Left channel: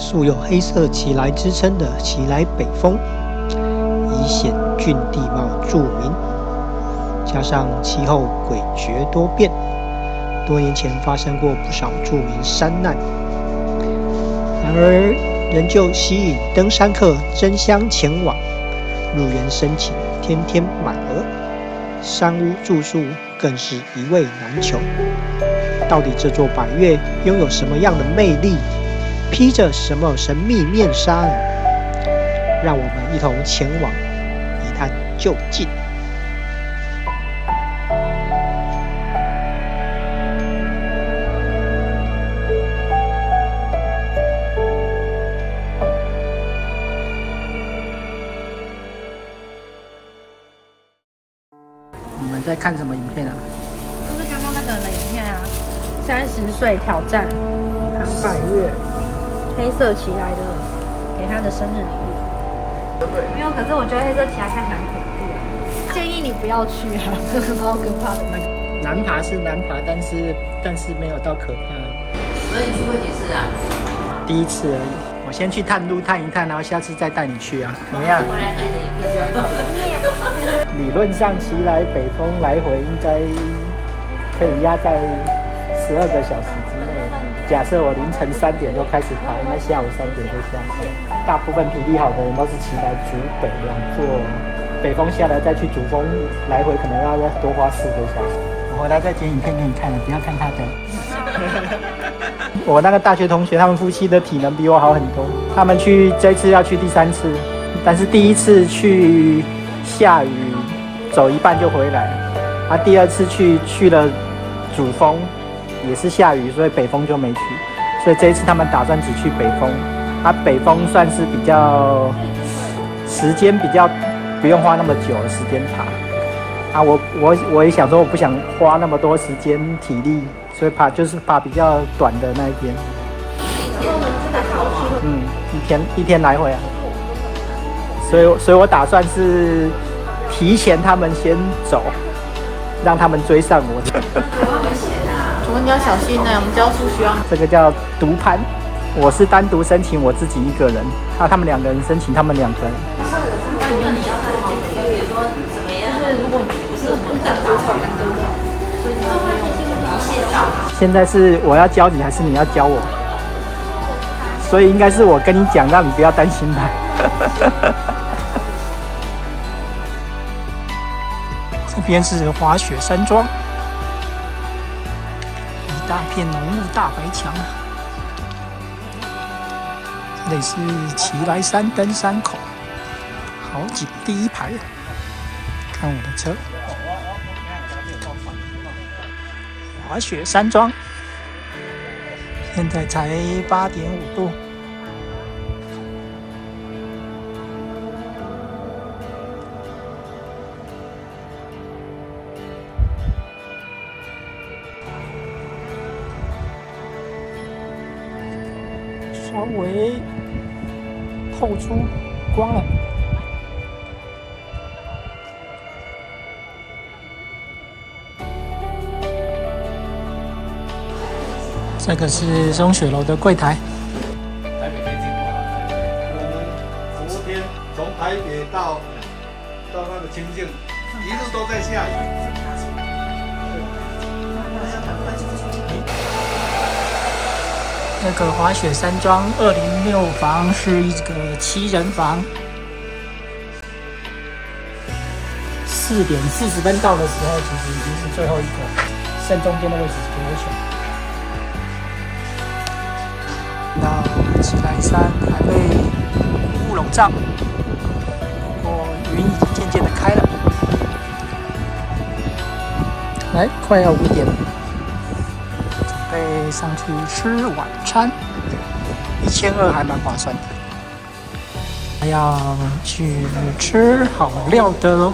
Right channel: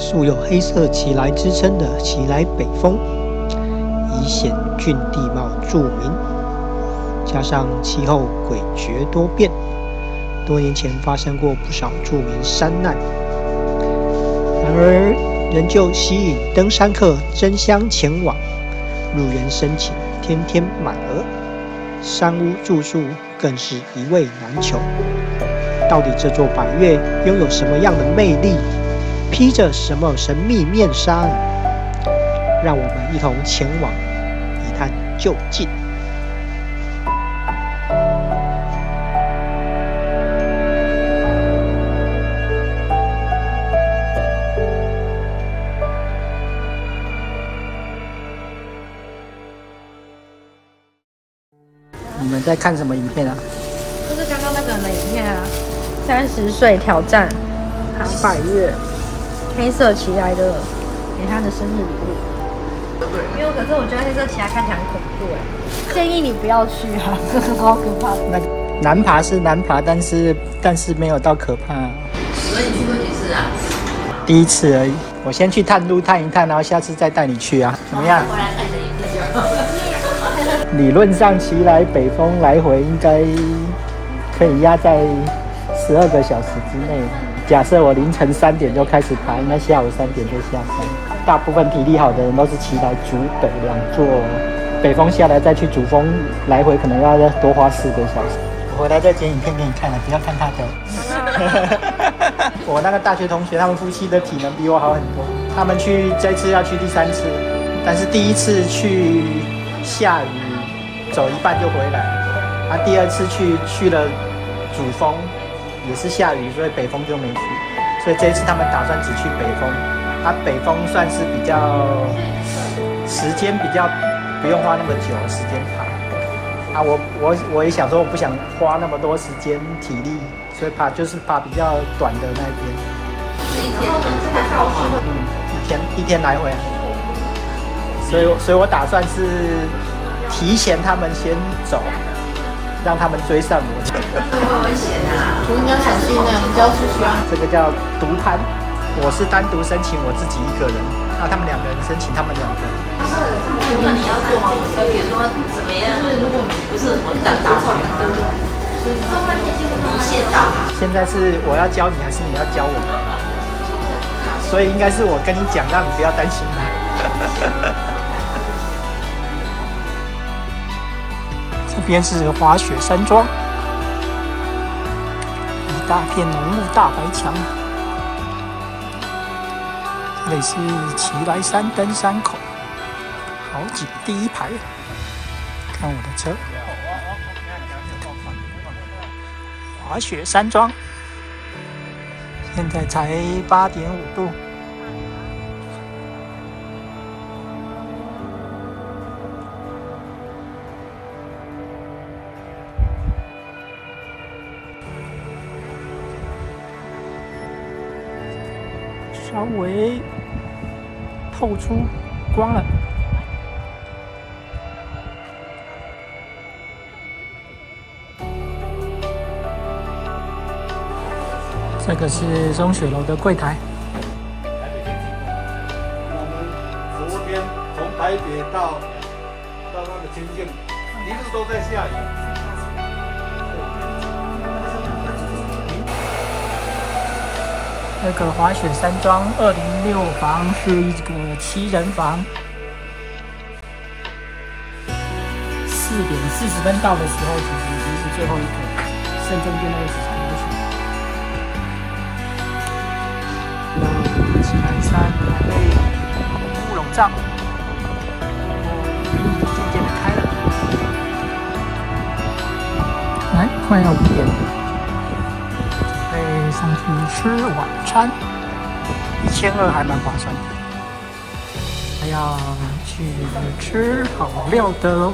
素有黑色奇来之称的奇来北峰，以险峻地貌著名，加上气候诡谲多变，多年前发生过不少著名山难，然而仍旧吸引登山客争相前往，入园申请天天满额，山屋住宿更是一位难求。到底这座百岳拥有什么样的魅力？披着什么神秘面纱呢？让我们一同前往一探究竟。你们在看什么影片啊？就是刚刚那个人的影片啊，30岁挑战百岳。黑色奇来的给他的生日礼物。没有，可是我觉得黑色奇来看起来很恐怖哎，建议你不要去啊，好可怕的。难爬是难爬，但是没有到可怕。所以你去过几次啊？第一次而已。我先去探路探一探，然后下次再带你去啊，怎么样？回来看你的影片就好。理论上奇来北峰来回应该可以压在12个小时之内。假设我凌晨3点就开始爬，应该下午3点就下山。大部分体力好的人都是骑来主北2座，北峰下来再去主峰来回，可能要再多花4个小时。我回来再剪影片给你看了，不要看他的。我那个大学同学，他们夫妻的体能比我好很多。他们这次要去第3次，但是第1次去下雨，走一半就回来。第2次去了主峰。也是下雨，所以北峰就没去。所以这一次他们打算只去北峰。北峰算是比较时间比较不用花那么久时间爬。我也想说，我不想花那么多时间体力，所以就是爬比较短的那一边。一天来回啊。所以我打算是提前他们先走。让他们追上我。会危险啊！我应该小心呢，我们就要出去啊。这个叫独攀，我是单独申请我自己1个人，他们2个人申请他们2个人。那你要做吗？比如说怎么样？如果不是我站大学，一线道。现在是我要教你，还是你要教我？所以应该是我跟你讲，让你不要担心我。这边是滑雪山庄，一大片浓雾大白墙。这里是奇来山登山口，好几个第1排。看我的车，滑雪山庄，现在才8.5度。稍微透出光了。这个是松雪楼的柜台。昨天从台北到那个清境，一路都在下雨。那个滑雪山庄206房是一个7人房。4点40分到的时候，其实已经是最后一个，剩中间的位置是给我选。那奇来山还被雾笼罩，不过云已渐渐的开了。来，快要5点了。准备上去吃晚餐，1200还蛮划算的。还要去吃好料的喽。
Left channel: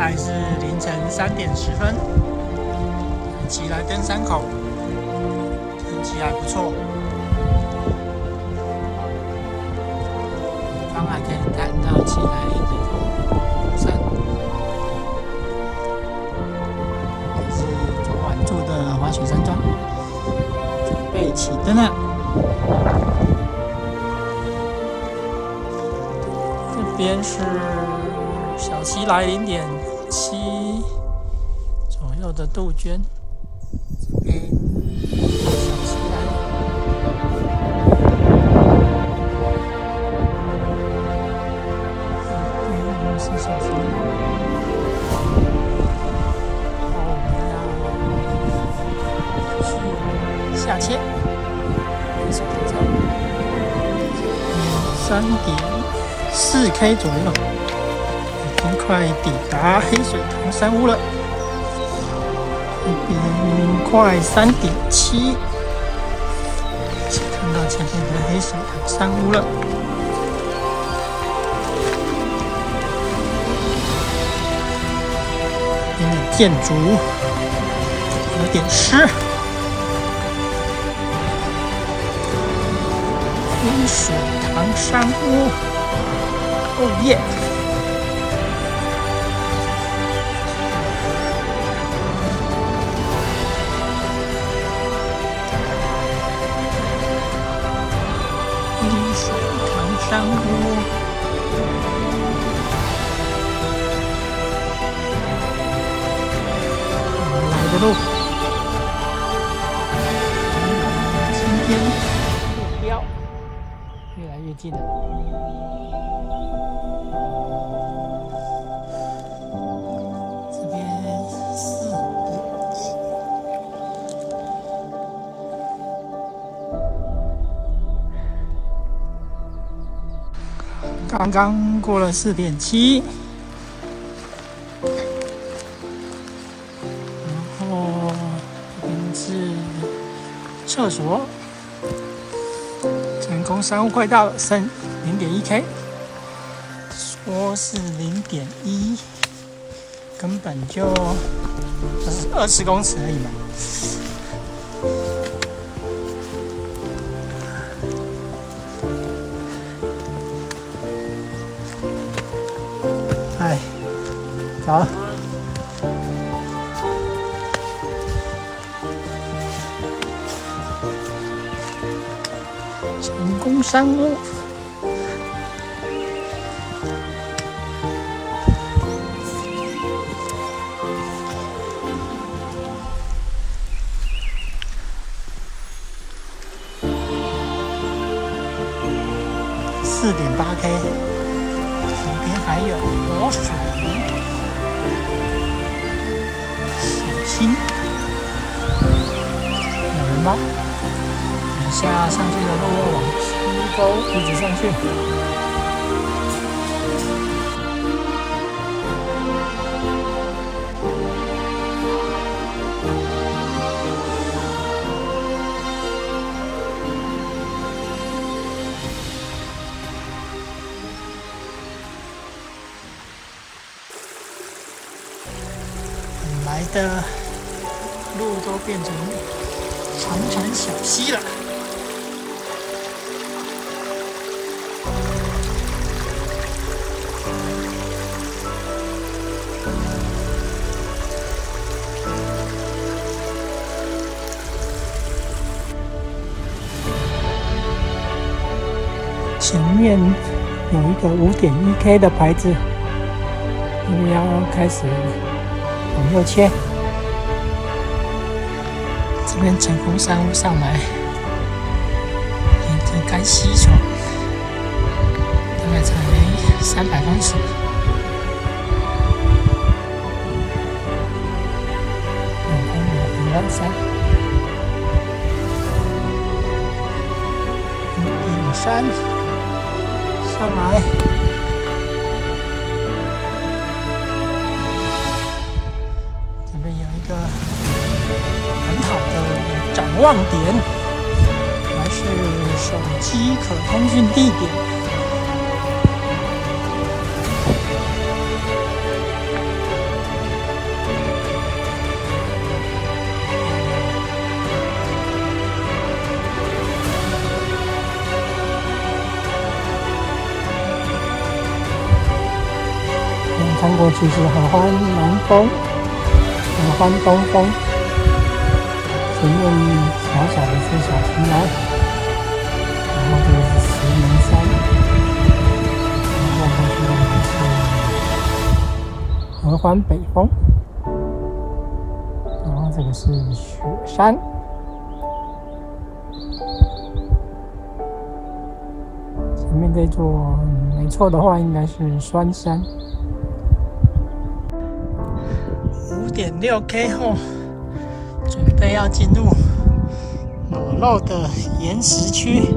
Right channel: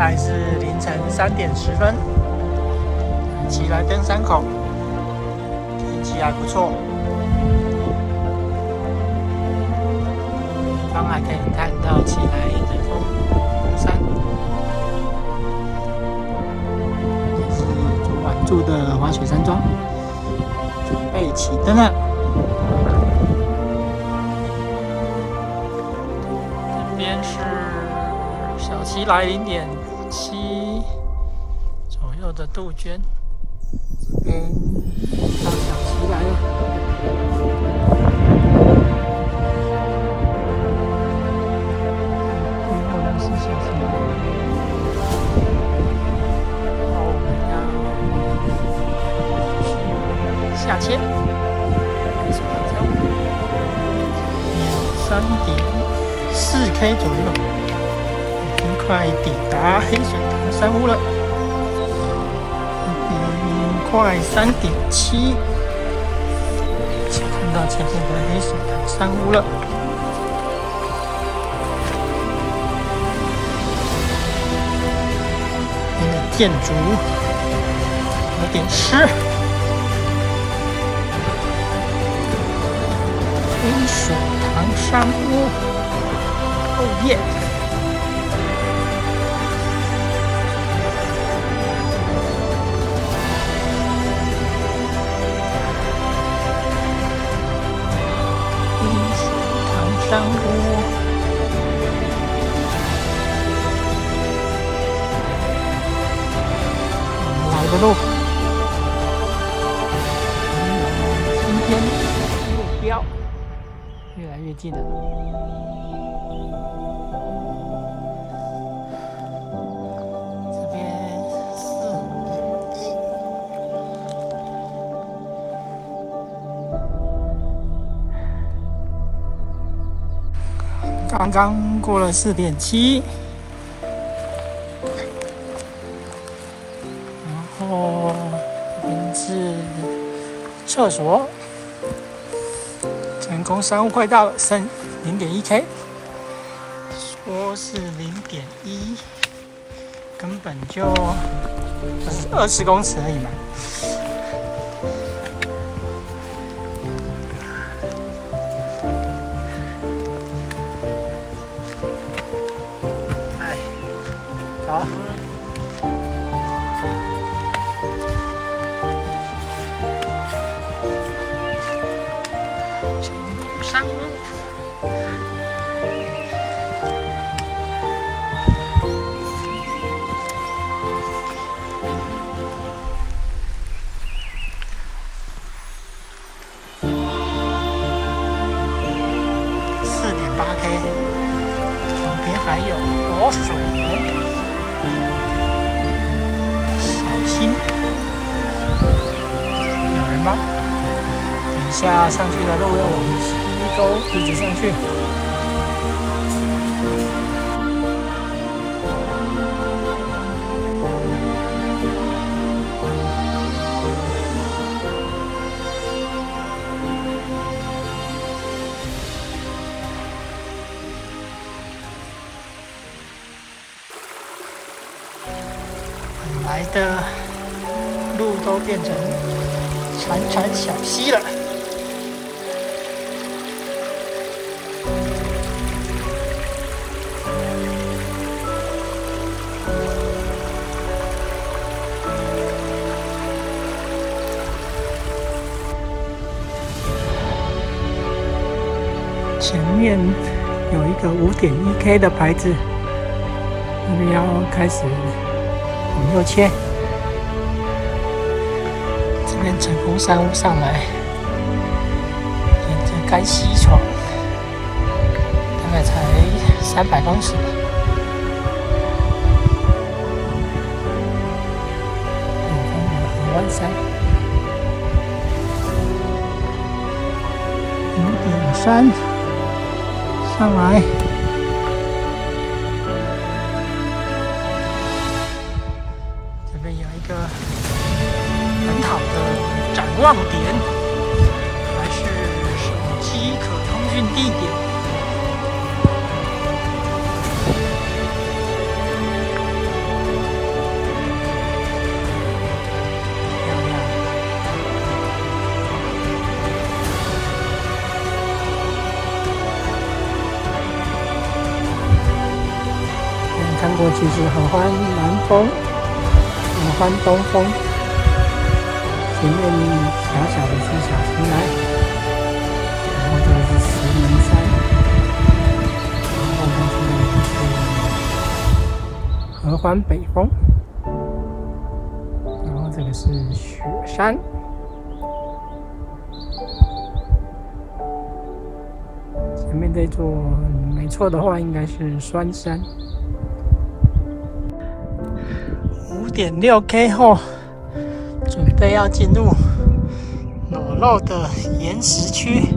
在是凌晨3点10分，奇来登山口，天气还不错，远方还可以看到奇来人工湖山，也是昨晚住的滑雪山庄，准备起登了。这边是小溪来0.7左右的杜鹃，这边到小溪来了。对，我们是小溪来。好，我们要下签，没什么交3.4K 左右。已经快抵达黑水塘山屋了，这边快3.7，看到前面的黑水塘山屋了。这边的建筑有点湿。黑水塘山屋，哦耶！黑水塘山屋，我们来的路，今天目标越来越近了。这边4刚刚过了4.7，然后这边是厕所，成功山屋快到了，剩0.1K， 说是0.1，根本就20公尺而已嘛。好，成功山屋，4.8K， 旁边还有活水源。有人吗？等一下上去的路要往西沟一直上去。本来的路都变成潺潺小溪了。前面有一个5.1K 的牌子，因为要开始往右切。这边成功山屋上来，沿着该溪床，大概才300公尺。远方有合欢山，5.3上来。这边有一个很好的展望点，还是手机可通讯地点。看过去是合欢南峰、合欢东峰，前面小小的是小青莱，然后这个是石门山，然后过去那个是合欢北峰，然后这个是雪山。前面这座没错的话，应该是酸山。5.6K 后，准备要进入裸露的岩石区。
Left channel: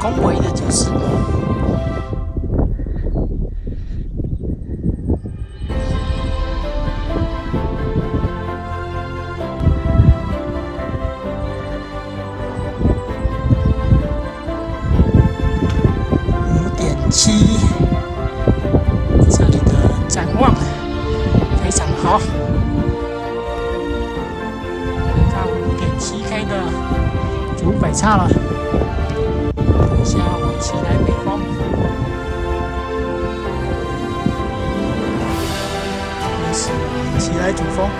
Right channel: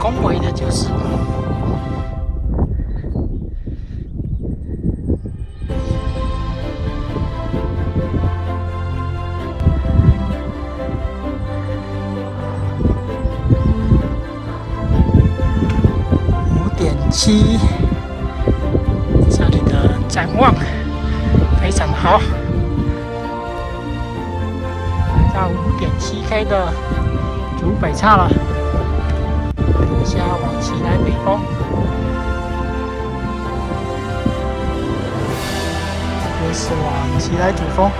恭维的就是5.7，这里的展望非常好，来到5.7K 的主北岔了。下往奇莱北峰，这是往奇莱主峰。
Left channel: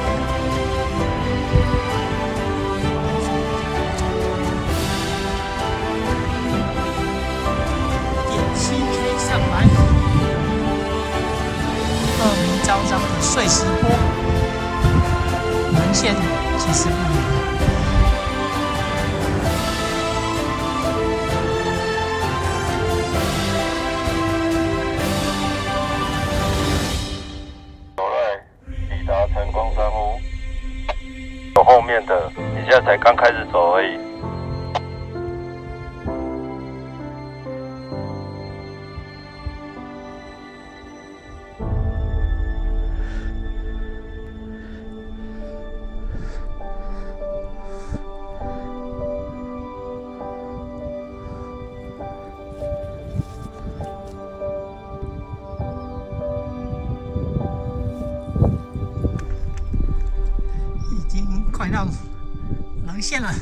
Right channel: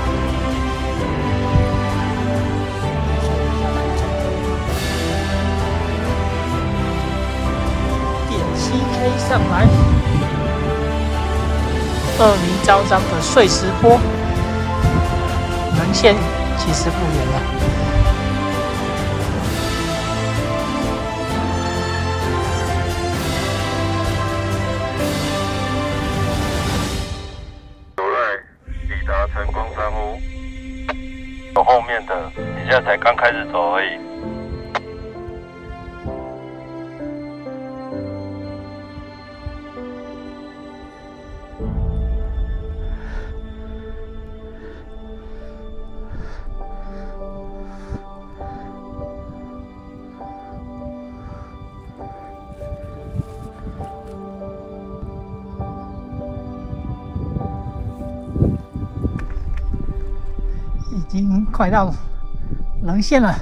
7K 上来，恶名昭彰的碎石坡，棱线其实不远了。成功山屋，走后面的，你现在才刚开始走而已。已经快到棱线了，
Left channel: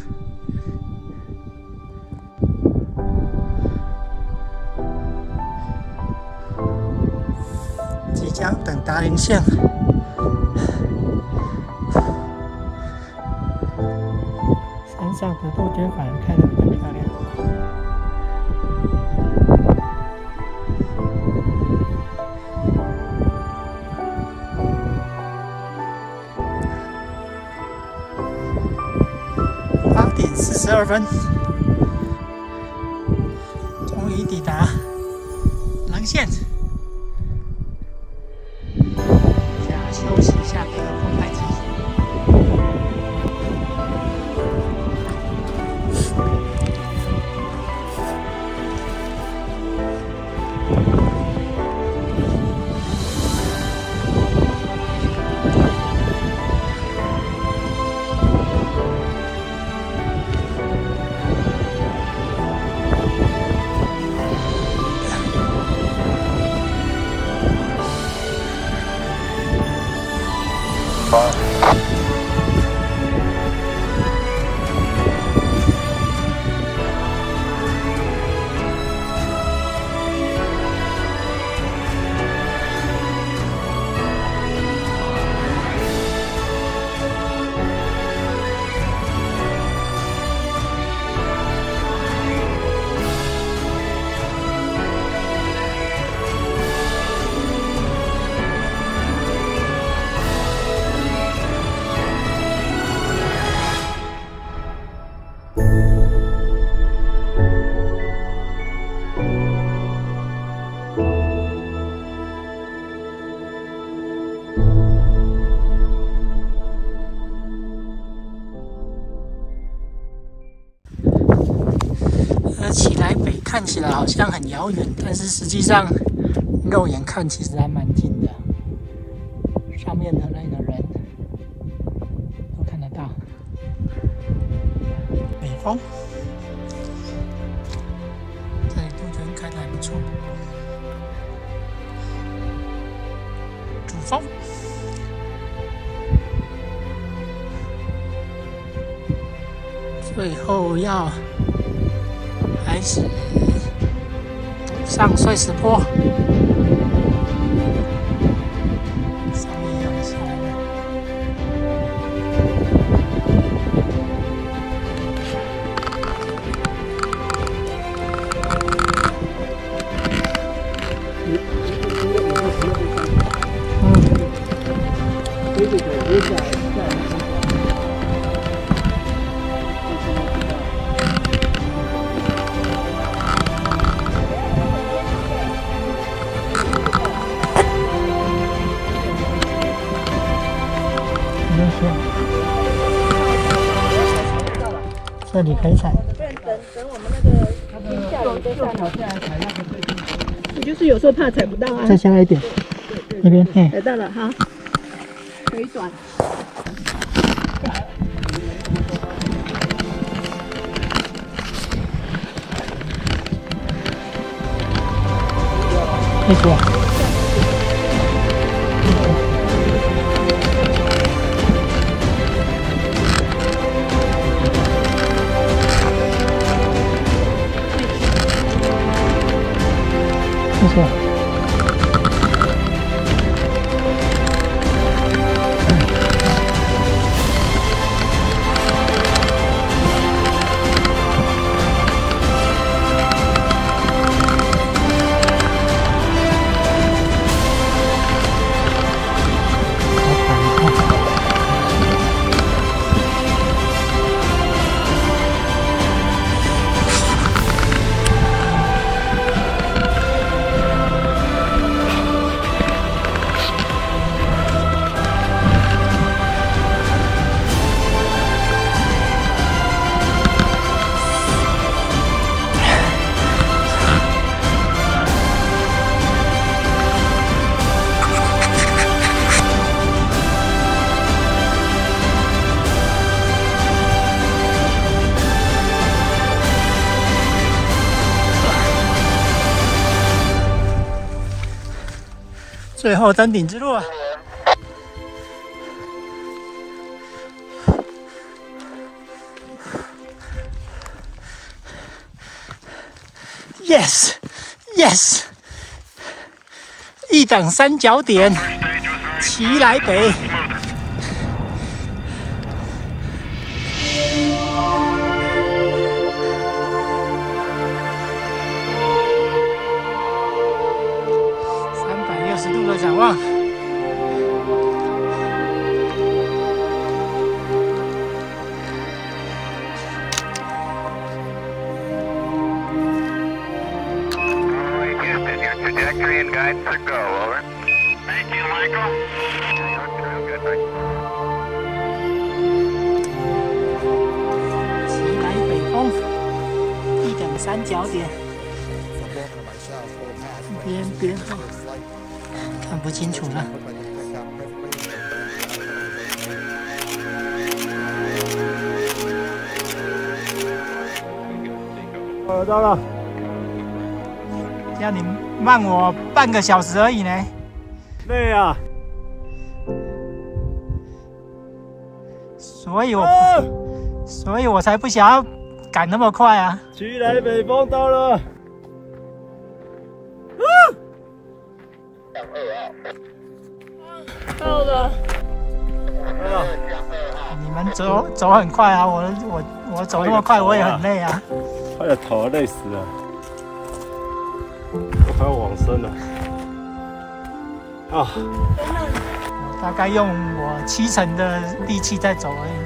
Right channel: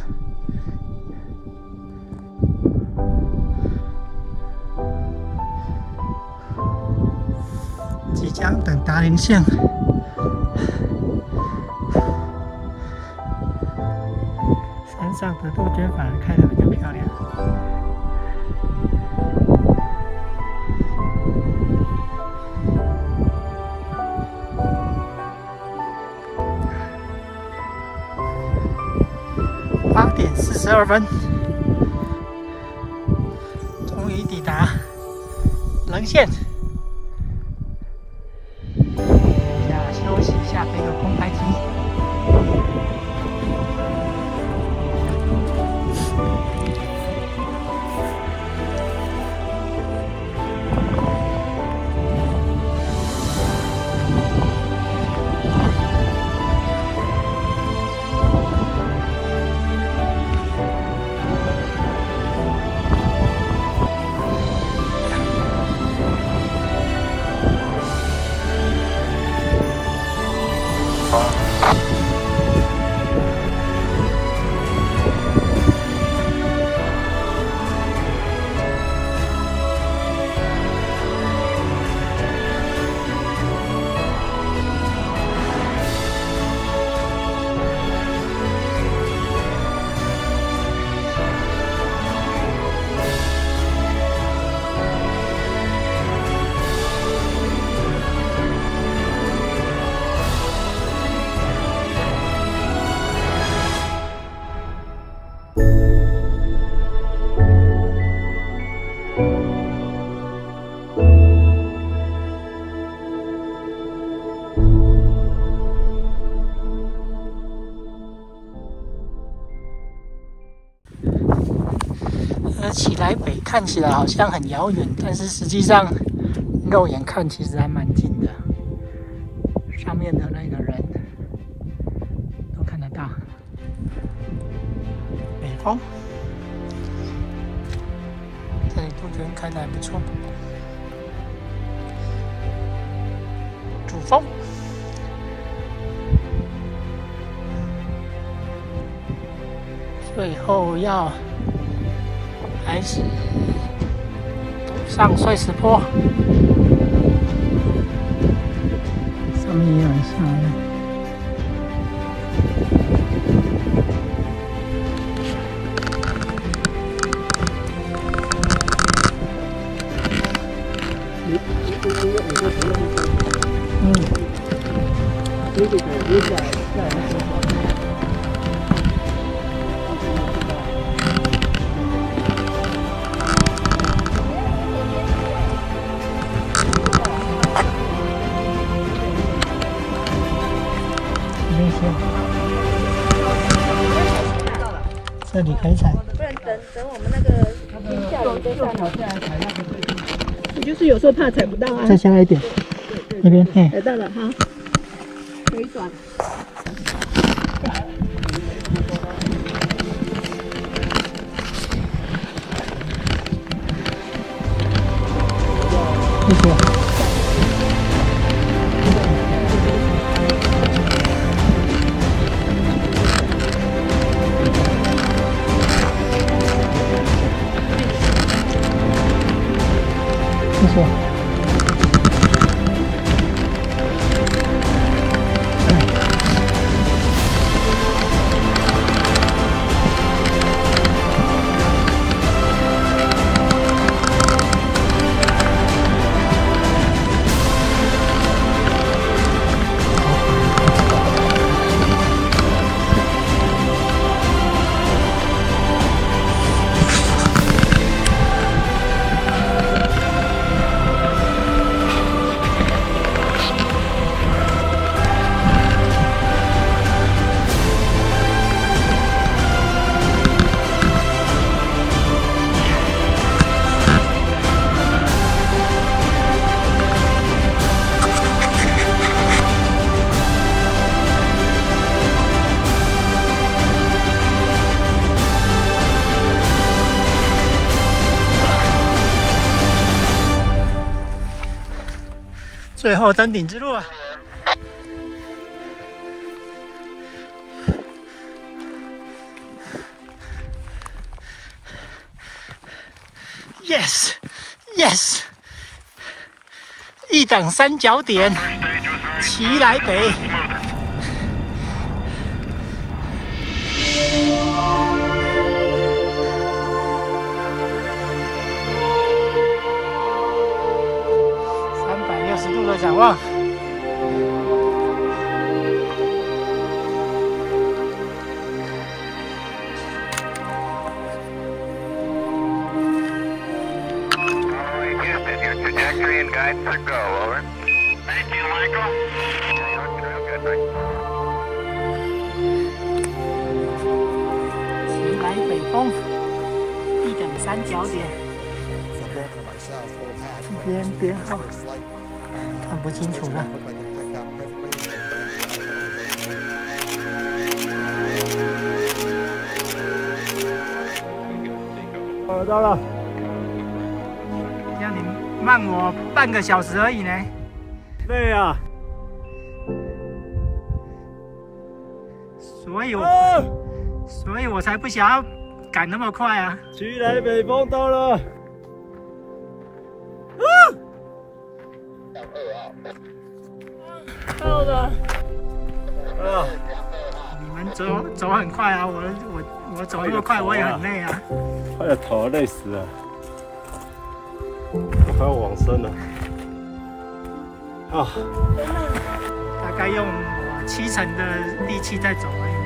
即将等达棱线。山上的杜鹃反而开得比较漂亮。8点42分，终于抵达棱线。下休息一下，背个空拍机。个奇来北看起来好像很遥远，但是实际上肉眼看其实还蛮近的。上面的那个人都看得到。北风，这里杜鹃开得还不错。主峰，最后要开始上碎石坡，上面也有人下来了。这个可以下来的情况。不用说，这里可以踩。不然等我们那个停下来再上来。我就是有时候怕踩不到啊。再下来一点，那边嘿。踩到了哈，腿短。没错。没错。最后登顶之路啊！Yes, yes， 一等三角点，奇来北。360度的展望。Trajectory and guidance are go, over. Thank you, Michael. Good. 奇来北峰，一等三角点，这边编号看不清楚了。到了。这样你慢我半个小时而已呢。累啊！所以我才不想要赶那么快啊。奇来北峰到了。到了。你们走很快啊，我走那么快我也很累啊。快点头累死了。我快要往生了啊！大概用我70%的力气在走而已。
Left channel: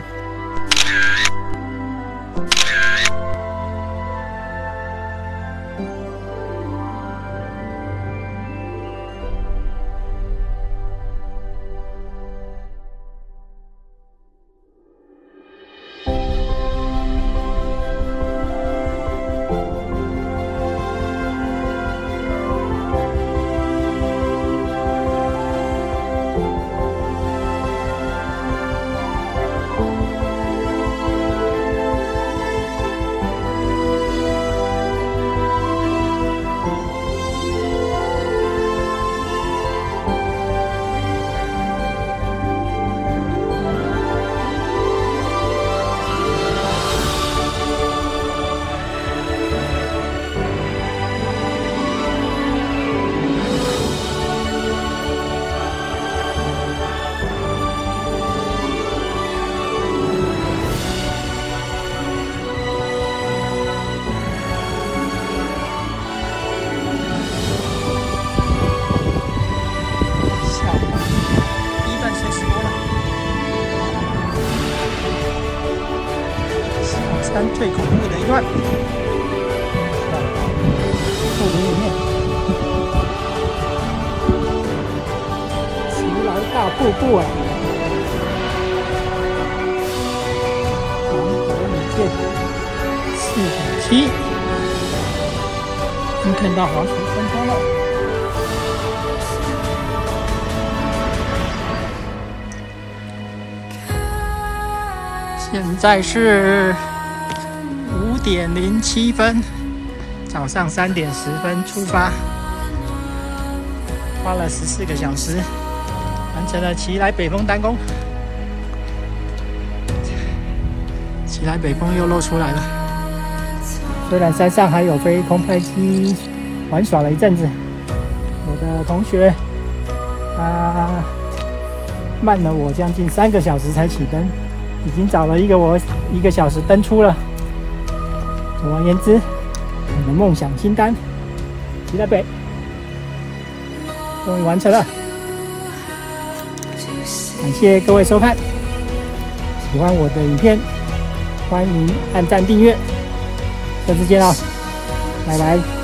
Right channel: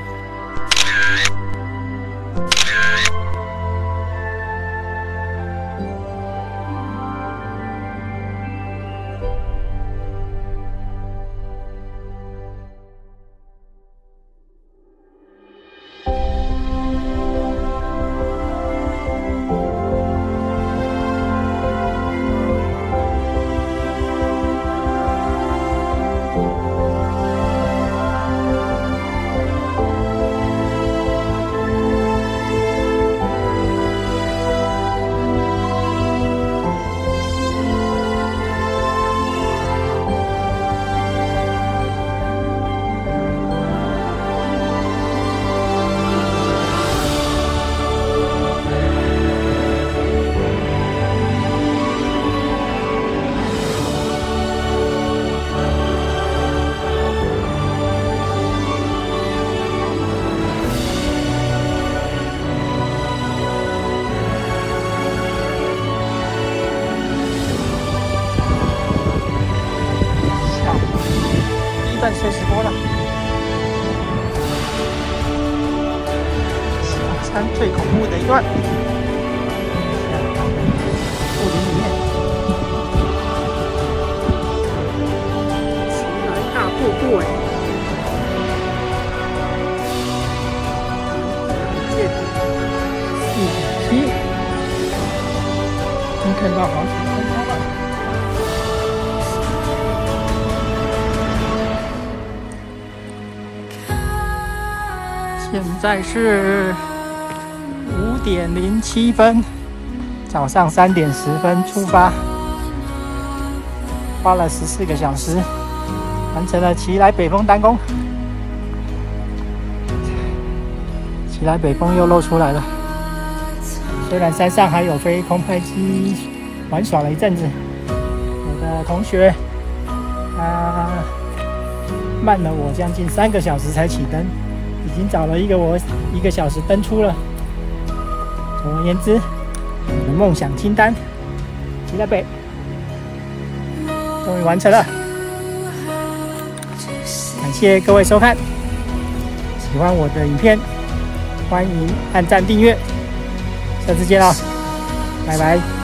山最恐怖的一段，下到树林里面，奇来大瀑布哎，难得一见，4.7，已经看到好几分钟了。现在是5点07分，早上3点10分出发，花了14个小时，完成了奇来北峰单攻。奇来北峰又露出来了，虽然山上还有飞空拍机玩耍了一阵子，我的同学他慢了我将近3个小时才起登。已经找了我1个小时登出了。总而言之，我的梦想清单，奇来北终于完成了。感谢各位收看，喜欢我的影片，欢迎按赞订阅。下次见了，拜拜。